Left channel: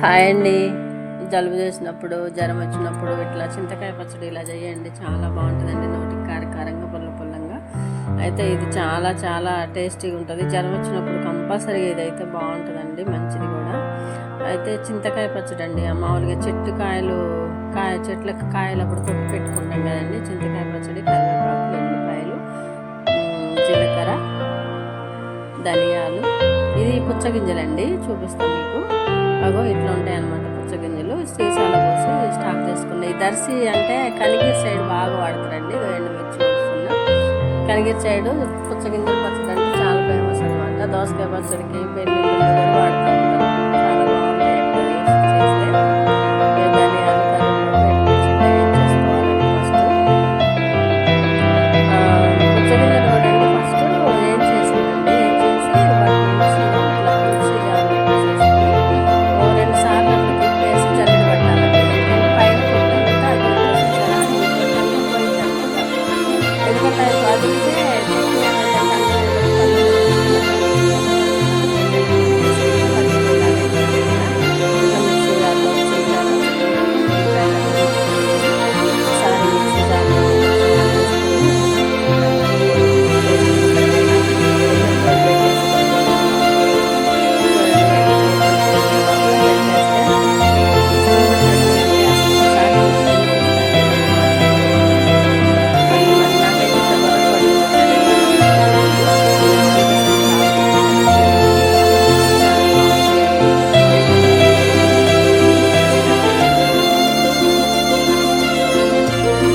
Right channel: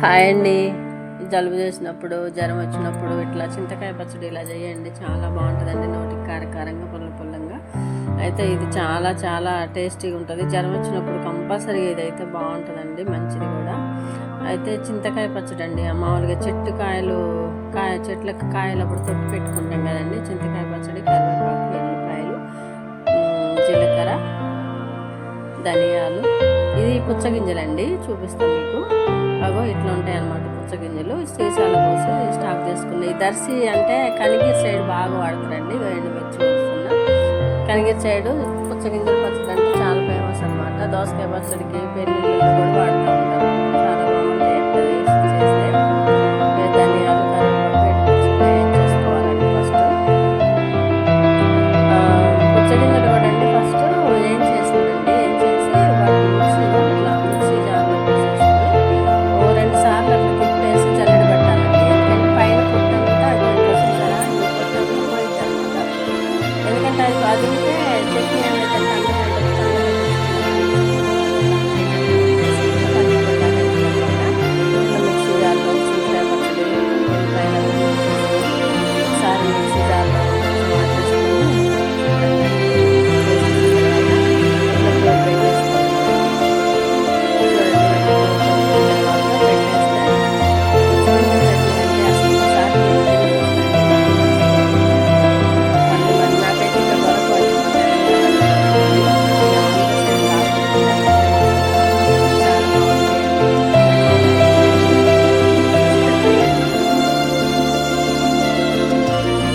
Hi అండి. జలుబు చేసినప్పుడు జ్వరం వచ్చినప్పుడు ఇట్లా చింతకాయ పచ్చడి ఇలా చేయండి. చాలా బాగుంటుందండి నోటికి కారకారంగా పొల్ల పుల్లంగా. అయితే ఇది చాలా చాలా టేస్టీగా ఉంటుంది. జ్వరం వచ్చినప్పుడు కంపల్సరీగా ఇది అయితే బాగుంటుందండి మంచిది కూడా. అయితే చింతకాయ పచ్చడి అండి. మామూలుగా చెట్టు కాయలు కాయ చెట్లకు కాయలు అప్పుడు తొక్కి పెట్టుకుంటాం కదండి. చింతకాయ పచ్చడి కరివేపాకు ఎల్లిపాయలు జీలకర్ర ధనియాలు. ఇది పుచ్చగింజలండి. చూపిస్తాం మీకు. అగో ఇట్లా ఉంటాయి అనమాట పుచ్చగింజలు. సీసాల పోసి స్టాక్ చేసుకున్నాయి దర్శి అంటే కనిగిరి సైడ్ బాగా వాడతారండి. ఎండుమిర్చి వస్తున్నా కనిగిరి సైడ్ పుచ్చగింజలు పచ్చడి అంటే చాలా ఫేమస్ అనమాట దోసకాయ పచ్చడికి పెళ్ళిళ్ళలో కూడా వాడుతూ ఉంటారు. చాలా బాగుంటాయి అట్లా వేసి చేస్తే. ధనియాలు కరివేపాకు ఎండుమిర్చి ఇట్లా చేసుకోవాలండి ఫస్ట్. పుచ్చగింజలు కూడా అండి ఫస్ట్ ఏం చేసిందండి ఏం చేసి వాటిని రెండు సార్లు అట్లా తిప్పేసి జల్లెడ పెట్టాలండి. ఎందుకంటే పైన పొట్టంతా అగో చూసారా ఈ పొట్టంతా పోయిద్ది అనమాట ఎందుకంటే అది అదింటే చట్నీ ఏమైందంటే అందులో రెండు పల్లెల్లో పుచ్చుకున్నట్టు అనమాట ఇట్లా మిక్సీ జార్లో చింతకాయ పచ్చడి ఉల్లిపాయలు అవన్నీ ఒకసారి మిక్సీ జార్లో ఒకసారి మీరు